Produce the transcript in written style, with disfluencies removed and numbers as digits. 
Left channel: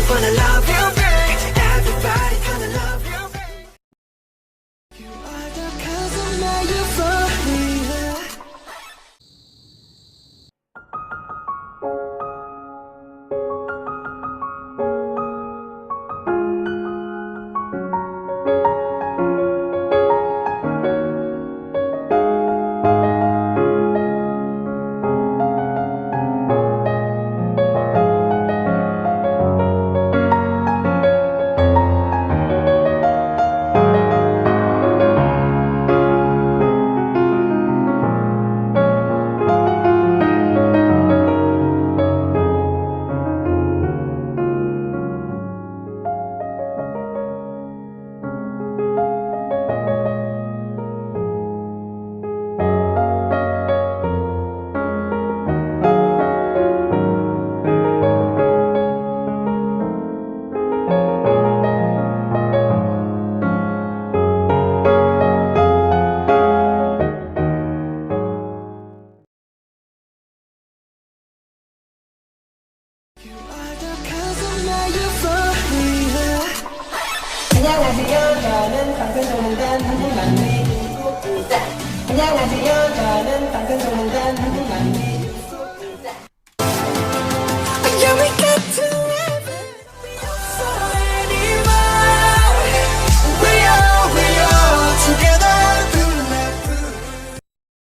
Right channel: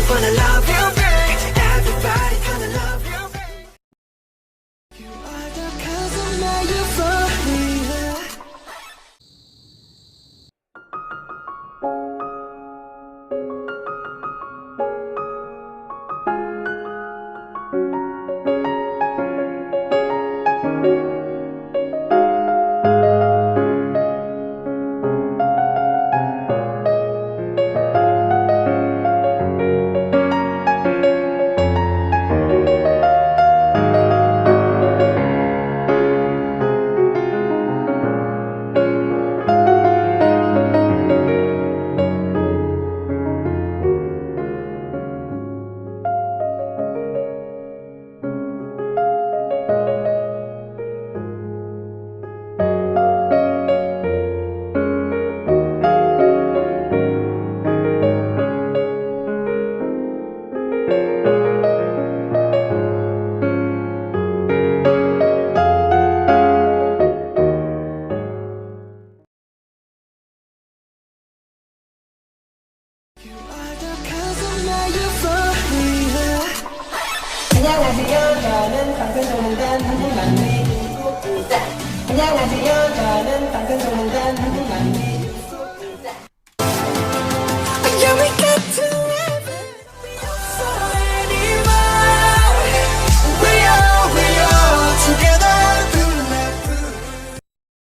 Everybody wanna love you, babe. Everybody gonna love you, babe. You are the cause of my euphoria. 안녕하세요. 저는 방송전문단 한국만리 중국부장. 안녕하세요.